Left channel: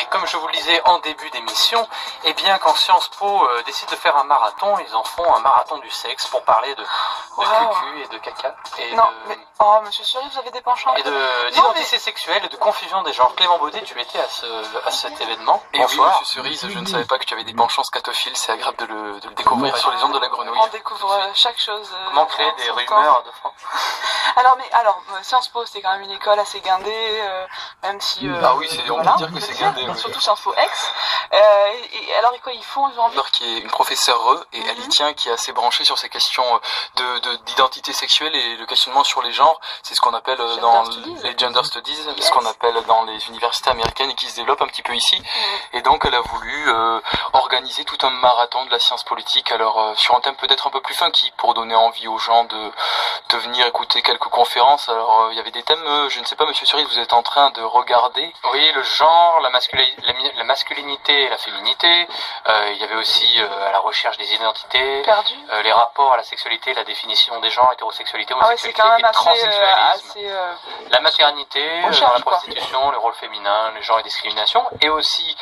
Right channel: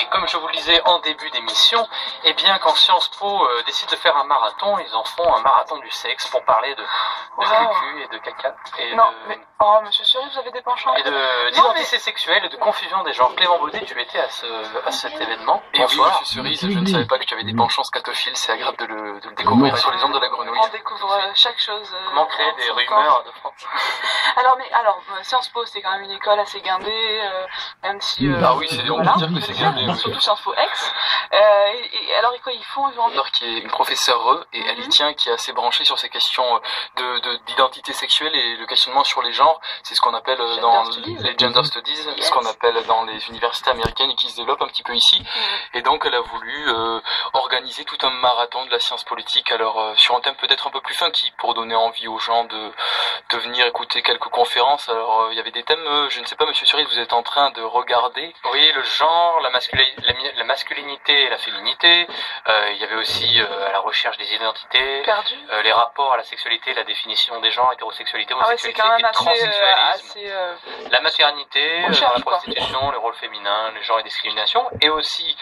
Et comme je vous le disais en début d'émission, eh bien quand Sciences Po décide de faire un marathon, ils en font un marathon du sexe pour parler de cucu et de caca. Et non, mais... Oh, monsieur Suri, vous avez des penchants. Et d'identité sexuelle et de confusion des genres. Clément Baudet, tu étais à cet événement. Et bonsoir. Oui, monsieur Cerise, je ne savais pas que tu avais des penchants scatophiles, c'est agréable de le découvrir sur les ondes de la grenouille. On découvre chaque chose. Comment créer des rumeurs de France. Alors, Sciences Po, c'est quand même une école assez guindée, même si... ah oui, on peut dire que c'est guindé. Oui. Surtout Sciences Po Ex. Alors, quoi, ils font qui est une professeure et elle y tient, qui est assez branchée sur ces questions d'identité sexuelle et le questionnement sur les genres. C'est ce qu'on appelle dans les gender studies, ce qu'on appelle dans les universités américaines et qui se développe un petit peu ici. Et donc, elle a voulu organiser tout un marathon de la science politique, alors sur un thème peut-être un peu plus funky, pour donner envie aux gens de venir écouter quelques conférences. Alors, il y avait des thèmes, je ne sais pas, monsieur Cerise, vous êtes en train de regarder. Oui, le genre, la masculinité et la féminité. Il y avait aussi à la recherche des identités, les rapports à la sexualité, la définition des genres, hétérosexualité, homosexualité et transsexualisme, la maternité, la prostitution, le rôle féminin, les genres et discrimination, et aussi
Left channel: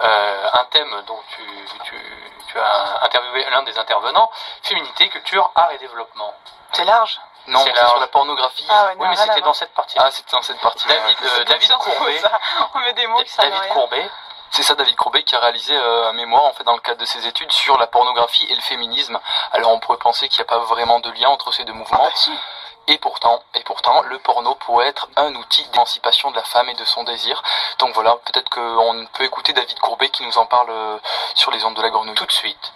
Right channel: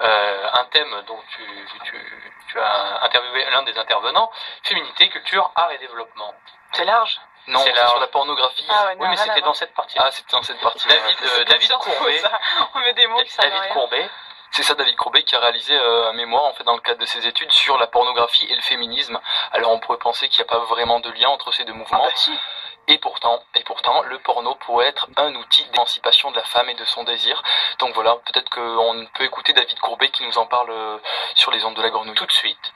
un thème dont tu as interviewé l'un des intervenants, féminité, culture, art et développement. C'est large. Non, c'est sur la pornographie. Ah ouais, oui, mais c'était dans cette partie. Ah, c'était dans cette partie. David Courbet. On met des mots qui savent rien. Courbet. C'est ça, David Courbet, qui a réalisé un mémoire, en fait, dans le cadre de ses études sur la pornographie et le féminisme. Alors, on pourrait penser qu'il n'y a pas vraiment de lien entre ces deux mouvements. Si. Et pourtant, le porno pourrait être un outil d'émancipation de la femme et de son désir. Donc voilà, peut-être qu'on peut écouter David Courbet qui nous en parle sur les ondes de la grenouille. Tout de suite.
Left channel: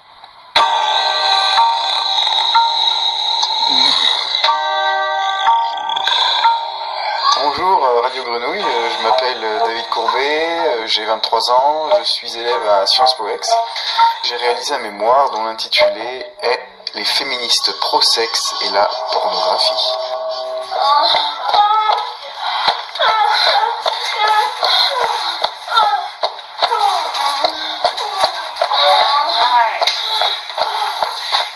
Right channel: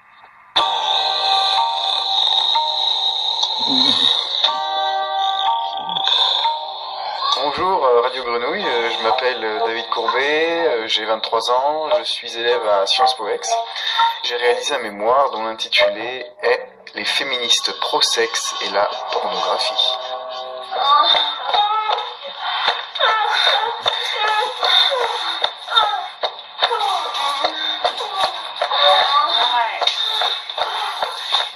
Bonjour Radio Grenouille, je m'appelle David Courbet, j'ai 23 ans, je suis élève à Sciences Po Ex. J'ai réalisé un mémoire dont l'intitulé est « Les féministes pro-sexe et la pornographie ».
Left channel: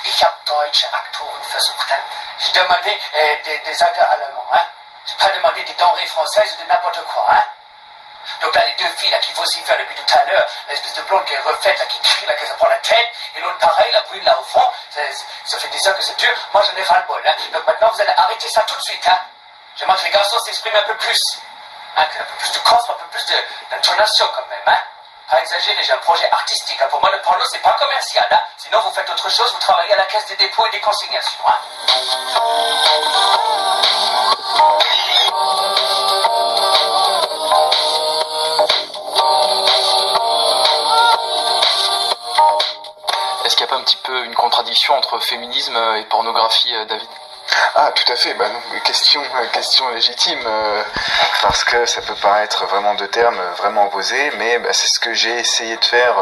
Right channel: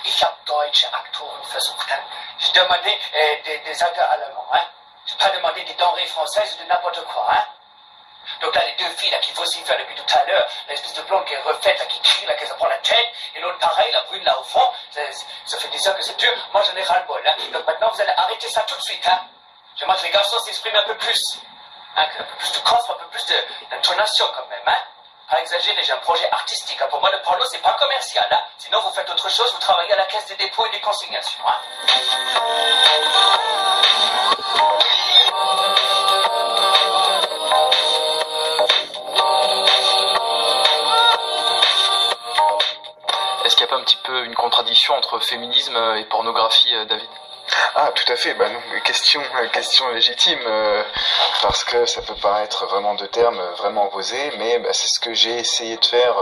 Ich habe deutsche Aktoren versucht. Hein. J'ai demandé des acteurs allemands. Hein. J'ai pas demandé des denrées françaises ou de n'importe quoi. Hein. Donc là, les deux filles là, qui vocifèrent depuis tout à l'heure, l'espèce de blonde qui est refaite, là, qui crie, là, qui se prend la tête, et l'autre pareil, la brune là au fond, ça fait des heures que c'est dur, moi j'en ai ras le bol. Hein. Donc maintenant, vous allez arrêter ça tout de suite. Hein. J'aimerais que les garçons s'expriment un peu plus. Hein, un peu plus de corps, un peu plus d'intonation quand même. Hein. Pas exagéré, j'ai un projet artistique. Hein. Pour moi, le porno, c'est pas commercial. Hein. Sinon, vous faites autre chose, vous travaillez à la caisse des dépôts et des consignations. Hein. Est-ce qu'il n'y a pas un petit peu une contradiction entre féminisme et pornographie, David ? Ah, tout à fait, non, question légitime, parce que ça peut paraître vraiment deux termes vraiment opposés, mais c'est ce que j'ai essayé de faire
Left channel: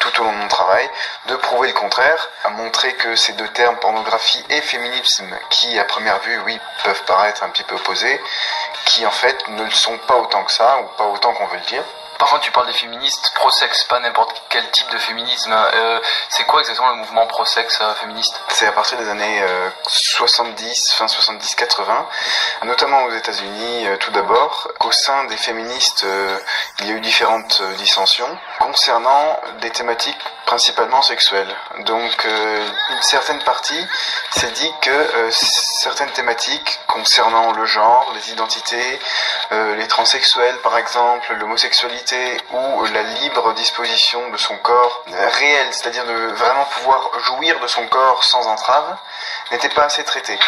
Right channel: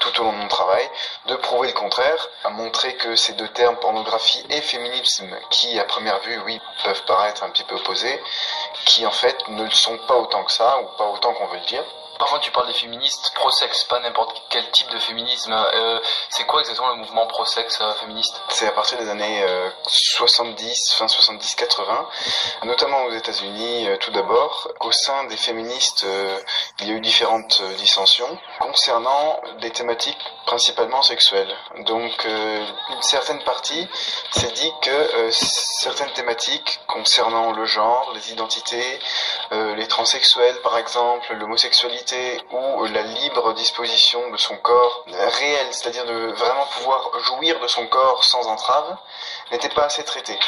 tout au long de mon travail, de prouver le contraire, à montrer que ces deux termes, pornographie et féminisme, qui à première vue, oui, peuvent paraître un petit peu opposés, qui en fait ne le sont pas autant que ça, ou pas autant qu'on veut le dire. Par contre, tu parles des féministes pro-sexe, pas n'importe quel type de féminisme. C'est quoi exactement le mouvement pro-sexe féministe ? C'est à partir des années 70, fin 70-80, notamment aux États-Unis tout d'abord. Au sein des féministes, il y a eu différentes dissensions concernant des thématiques principalement sexuelles. Donc, une certaine partie s'est dit que certaines thématiques concernant le genre, les identités, les transsexuels par exemple, l'homosexualité, ou la libre disposition de son corps réel, c'est-à-dire de vraiment pouvoir jouir de son corps sans entrave, n'était pas assez traité.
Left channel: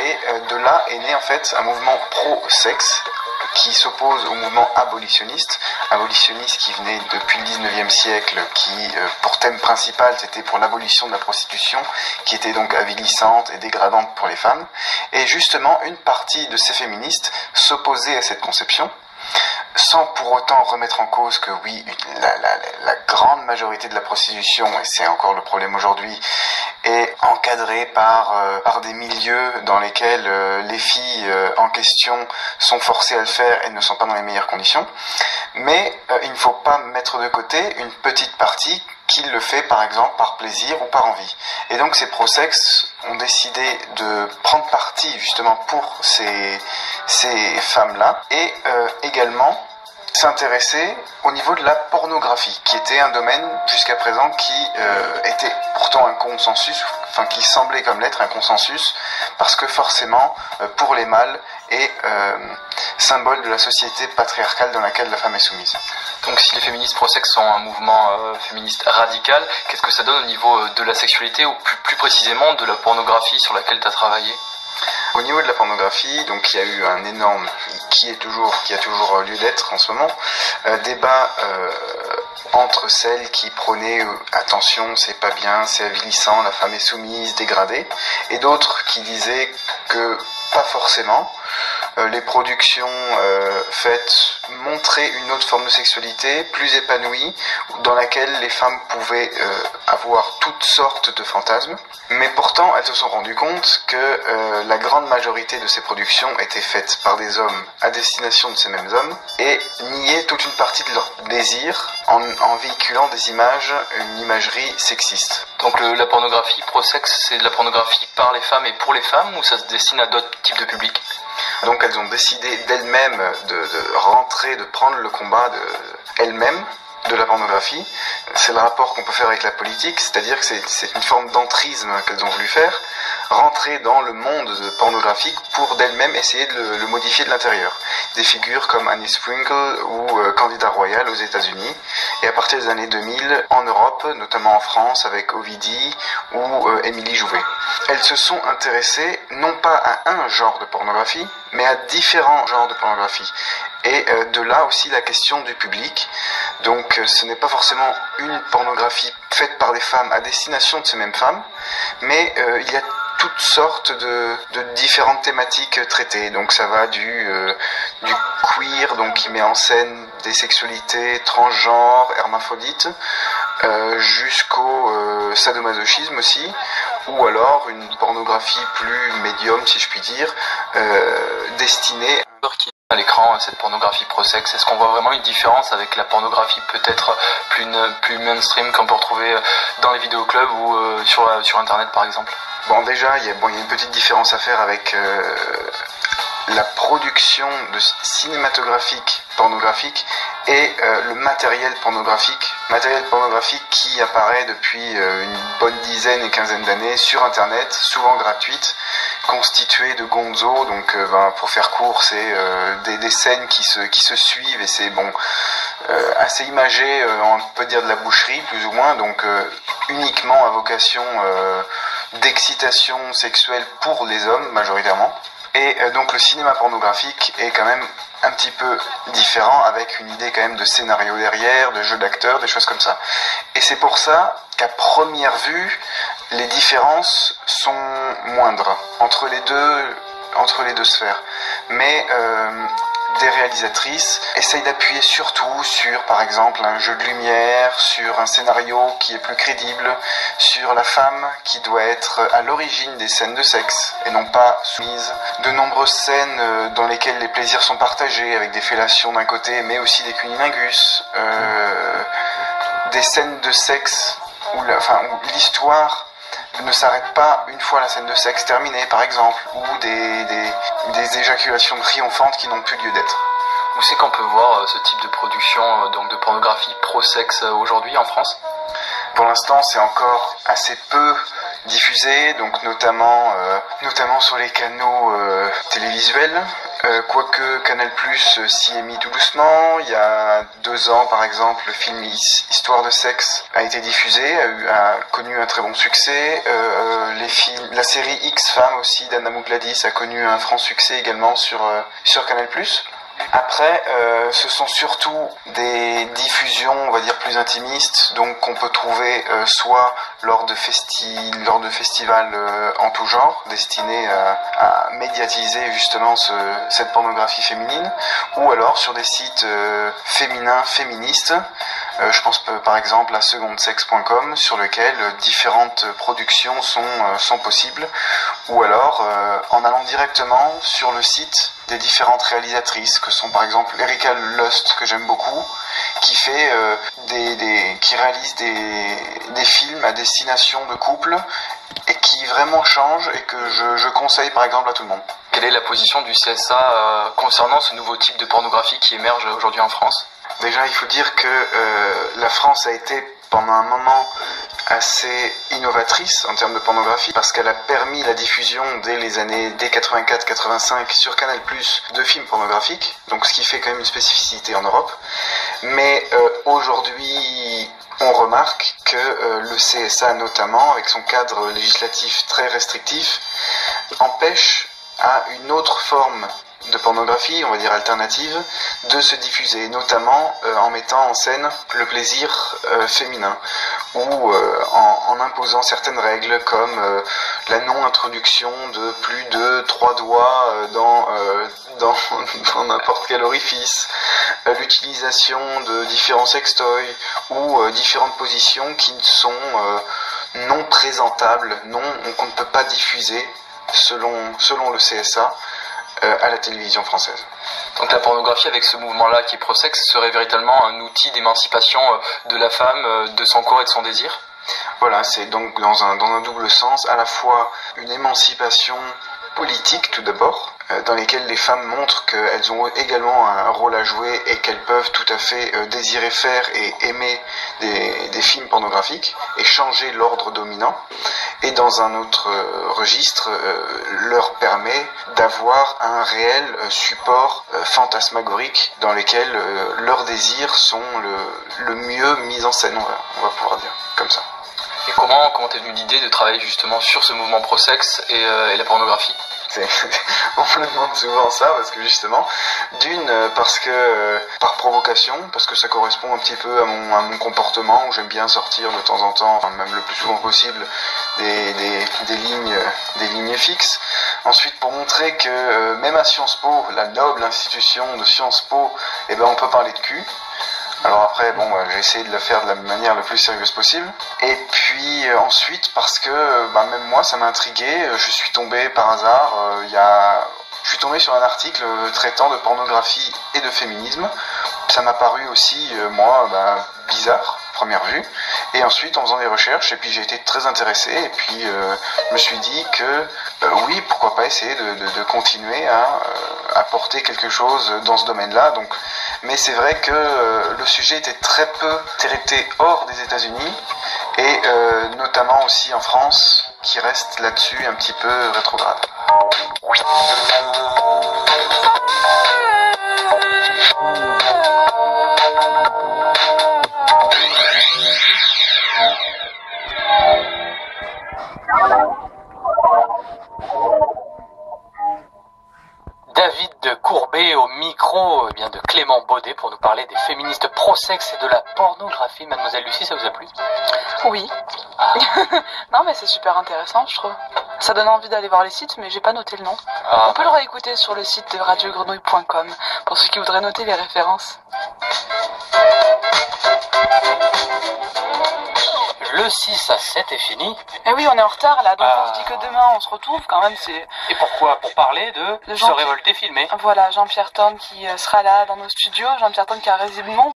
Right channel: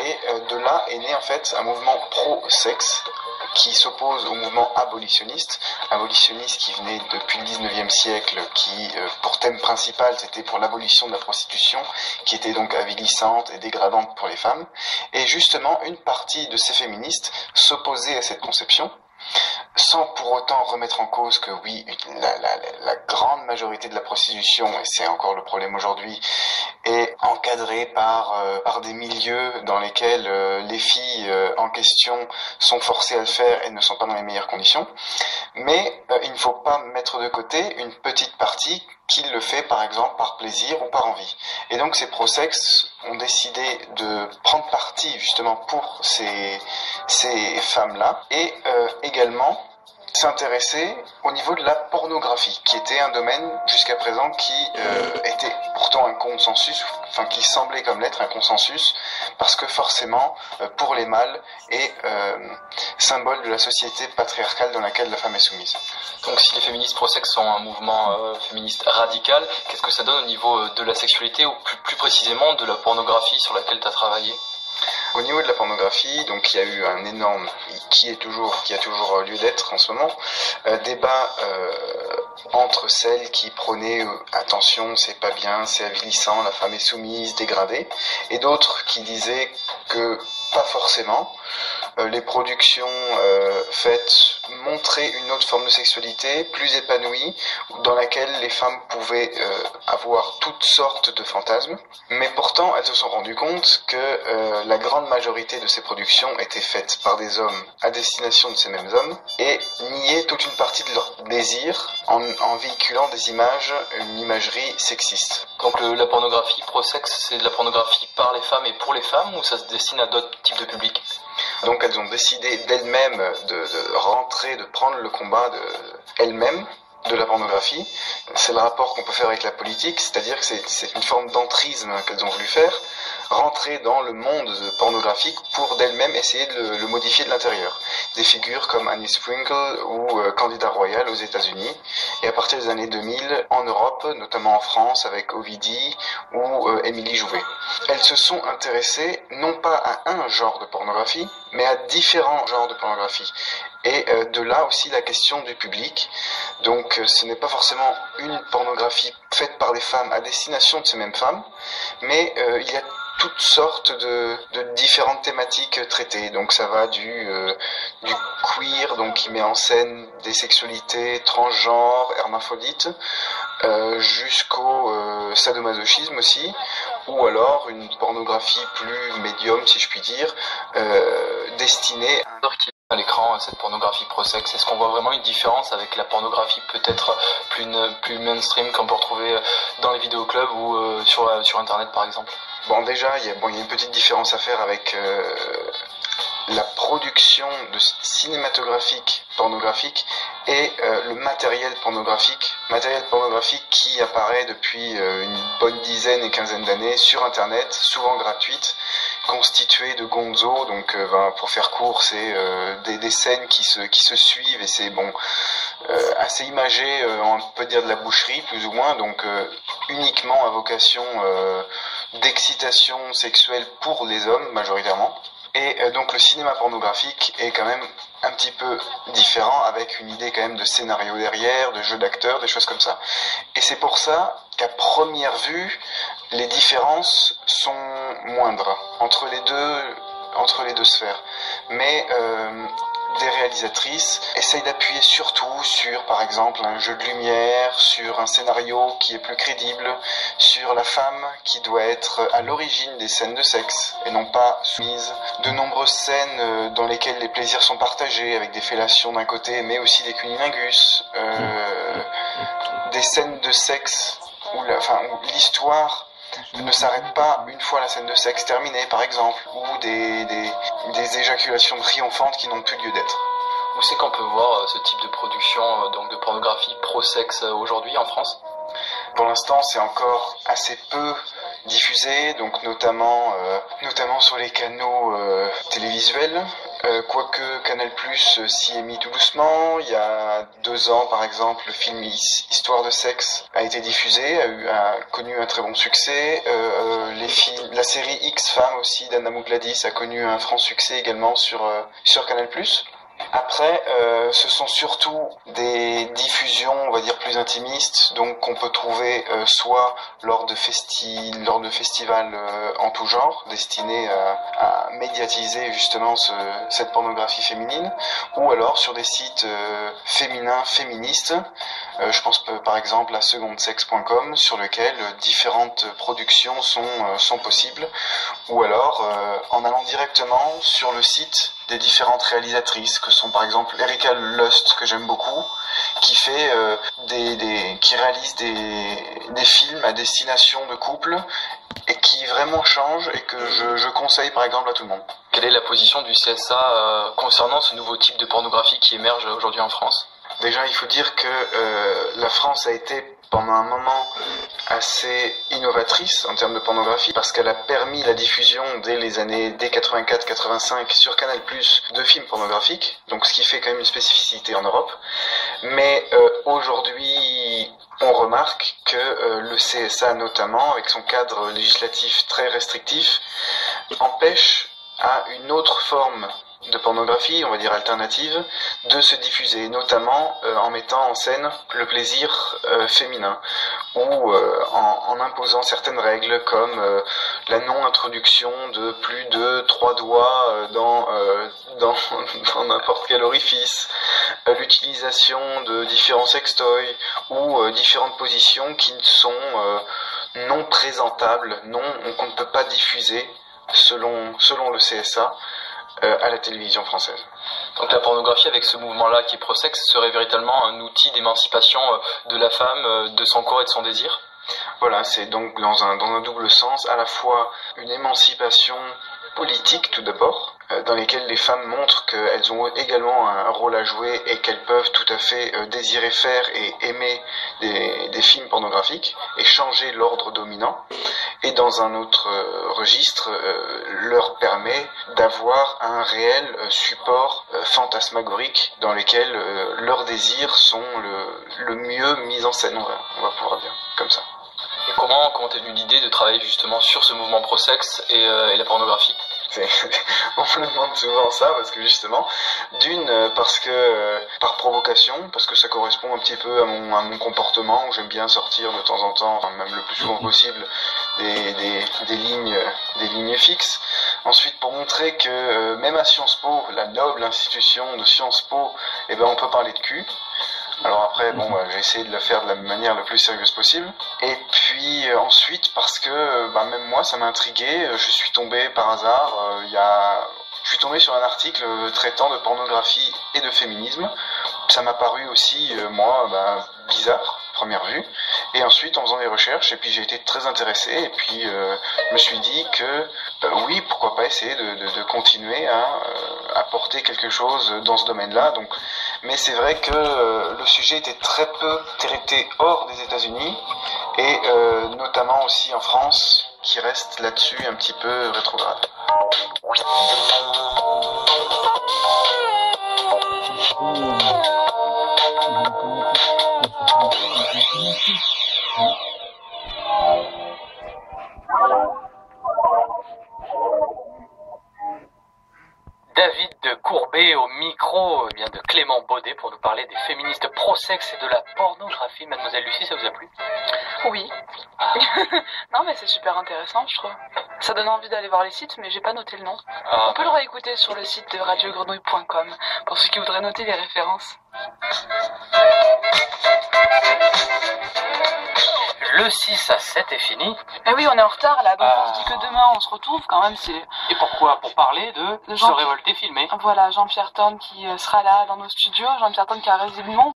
Et de là est né en fait un mouvement pro-sexe qui s'oppose au mouvement abolitionniste qui venait depuis le 19e siècle, qui pour thème principal c'était pour l'abolition de la prostitution, qui était donc avilissante et dégradante pour les femmes. Et justement, une partie de ces féministes s'opposait à cette conception, sans pour autant remettre en cause que oui, la grande majorité de la prostitution, et c'est encore le problème aujourd'hui, est encadrée par des milieux dans lesquels les filles en question sont forcées à le faire et ne sont pas dans les meilleures conditions. Mais il ne faut pas mettre de côté une petite partie qu'il le fait par exemple par plaisir ou par envie. Et donc ces pro-sexe ont décidé de prendre parti justement pour ces femmes-là et également s'intéresser au niveau de la pornographie, qui était un domaine jusqu'à présent qui était pourtant un consensus, enfin qui semblait comme l'être un consensus, parce que forcément pour les mâles est symbole de la société patriarcale dans laquelle la femme est soumise. Donc si les féministes pro-sexe sont un mouvement féministe radical, qu'est-ce que ça donne au niveau de la sexualité ou plus précisément de la pornographie sur laquelle tu as travaillé ? Au niveau de la pornographie, donc il y a eu un énorme, qui a toujours lieu d'être en ce moment, débat entre celles qui prônaient attention, c'est pas bien, c'est avilissant, la femme est soumise, dégradée, et d'autres qui disaient que pas forcément. Les productions faites montraient une autre forme de sexualité plus épanouie, dans laquelle les femmes pouvaient avoir toutes sortes de fantasmes, mais pourtant elles se sont rendues compte que la grande majorité de ces productions étaient faites par des hommes à destination de ces mêmes hommes, et niaient toute une partie de leur désir en véhiculant des images, une imagerie sexiste. Donc la pornographie pro-sexe, c'est de la pornographie par les femmes et pour les femmes, ou ça se destine à d'autres types de publics ? Donc elles ont décidé d'elles-mêmes de rentrer, de prendre le combat elles-mêmes de la pornographie. C'est le rapport qu'on peut faire avec la politique, c'est-à-dire que c'est une forme d'entrisme qu'elles ont voulu faire, rentrer dans le monde pornographique pour d'elles-mêmes essayer de le modifier de l'intérieur. Des figures comme Annie Sprinkle ou Candida Royal aux États-Unis, et à partir des années 2000 en Europe, notamment en France avec Ovidie ou Émilie Jouvet. Elles se sont intéressées non pas à un genre de pornographie, mais à différents genres de pornographie. Et de là aussi la question du public. Donc ce n'est pas forcément une pornographie faite par des femmes à destination de ces mêmes femmes, mais il y a toutes sortes de différentes thématiques traitées. Donc ça va du queer, donc qui met en scène des sexualités transgenres, hermaphrodites, jusqu'au sadomasochisme aussi, ou alors une pornographie plus médium, si je puis dire, destinée à l'écran, cette pornographie pro-sexe. Est-ce qu'on voit vraiment une différence avec la pornographie peut-être plus mainstream qu'on peut retrouver dans les vidéoclubs ou sur Internet par exemple ? Bon, déjà, il y a une petite différence à faire avec la production de cinématographique pornographique et le matériel pornographique qui apparaît depuis une bonne dizaine et quinzaine d'années sur Internet, souvent gratuite, constituée de gonzo. Donc pour faire court, c'est des scènes qui se suivent, et c'est assez imagé, on peut dire de la boucherie plus ou moins, donc uniquement à vocation d'excitation sexuelle pour les hommes majoritairement. Et donc le cinéma pornographique est quand même un petit peu différent, avec une idée quand même de scénario derrière, de jeu d'acteurs, des choses comme ça. Et c'est pour ça qu'à première vue, les différences sont moindres entre les deux sphères. Mais des réalisatrices essayent d'appuyer surtout sur, par exemple, un jeu de lumière, sur un scénario qui est plus crédible, sur la femme qui doit être à l'origine des scènes de sexe et non pas soumise. De nombreuses scènes dans lesquelles les plaisirs sont partagés, avec des fellations d'un côté, mais aussi des cunnilingus, des scènes de sexe où l'histoire ne s'arrête pas une fois la scène de sexe terminée, par exemple, ou des éjaculations triomphantes qui n'ont plus lieu d'être. Où c'est qu'on peut voir ce type de production donc de pornographie pro-sexe aujourd'hui en France ? Pour l'instant, c'est encore assez peu diffusé, donc notamment sur les canaux télévisuels. Quoique Canal+ s'y est mis tout doucement. Il y a 2 ans, par exemple, le film Histoire de sexe a été diffusé, a connu un très bon succès. La série X-Femmes aussi d'Anna Mougladis a connu un franc succès également sur Canal+. Après, ce sont surtout des diffusions, on va dire, plus intimistes, donc qu'on peut trouver soit lors de festivals en tout genre, destinés à médiatiser justement cette pornographie féminine, ou alors sur des sites féminins, féministes. Je pense par exemple à secondesex.com, sur lequel différentes productions sont possibles, ou alors en allant directement sur le site des différentes réalisatrices, que sont par exemple Erika Lust, que j'aime beaucoup, qui réalise des films à destination de couples et qui vraiment change et que je conseille par exemple à tout le monde. Quelle est la position du CSA concernant ce nouveau type de pornographie qui émerge aujourd'hui en France ? Déjà, il faut dire que la France a été pendant un moment assez innovatrice en termes de pornographie parce qu'elle a permis la diffusion dès 84-85 sur Canal+ de films pornographiques, donc ce qui fait quand même une spécificité en Europe. Mais aujourd'hui, on remarque que le CSA notamment, avec son cadre législatif très restrictif, empêche à une autre forme de pornographie, on va dire alternative, de se diffuser, notamment en mettant en scène le plaisir féminin, ou en imposant certaines règles comme la non-introduction de plus de 3 doigts dans n'importe quel orifice, l'utilisation de différents sextoys, ou différentes positions qui sont non présentables, qu'on ne peut pas diffuser selon le CSA, à la télévision française. Donc la pornographie avec ce mouvement-là qui est pro-sexe serait véritablement un outil d'émancipation de la femme, de son corps et de son désir ? Voilà, c'est donc dans un double sens, à la fois une émancipation politique tout d'abord, dans lesquelles les femmes montrent qu'elles ont également un rôle à jouer et qu'elles peuvent tout à fait désirer faire et aimer des films pornographiques et changer l'ordre dominant. Et dans un autre registre, leur permet d'avoir un réel support fantasmagorique dans lequel leurs désirs sont le mieux mis en scène, on va pouvoir dire comme ça. Et comment t'es venue l'idée de travailler justement sur ce mouvement pro-sexe et la pornographie ? On me demande souvent ça parce que justement, parce que par provocation, parce que ça correspond un petit peu à mon comportement où j'aime bien sortir de temps en temps, enfin même le plus souvent possible, des lignes fixes. Ensuite, pour montrer que même à Sciences Po, la noble institution de Sciences Po, on peut parler de cul. Alors après, j'ai essayé de le faire de la manière la plus sérieuse possible. Et puis ensuite, parce que même moi, ça m'a intrigué, je suis tombé par hasard, je suis tombé sur un article traitant de pornographie et de féminisme. Ça m'a paru aussi, bizarre, première vue. Et ensuite, en faisant des recherches, et puis j'ai été très intéressé, et puis je me suis dit que oui, pourquoi pas essayer de continuer à apporter quelque chose dans ce domaine-là. Mais c'est vrai que le sujet était très peu traité hors des États-Unis, et notamment aussi en France, qui reste là-dessus un petit peu rétrograde. David de Courbet au micro de Clément Baudet pour nous parler des féministes pro-sexe et de la pornographie. Mademoiselle Lucie, ça vous a plu ? Oui. Ah. Non mais c'est super intéressant, je trouve. Ça donne envie d'aller voir les sites, mais j'ai pas noté le nom. On peut le réécouter sur le site de radiogrenouille.com pour ceux qui voudraient noter les références. Le 6 à 7 est fini. Eh oui, on est en retard là, donc on se dit que demain on se retrouve quand même. Et pourquoi ? Pour parler de Se révolter filmé. Voilà, Jean-Pierre Thorne qui sera là dans nos studios. Jean-Pierre Thorne qui a résolument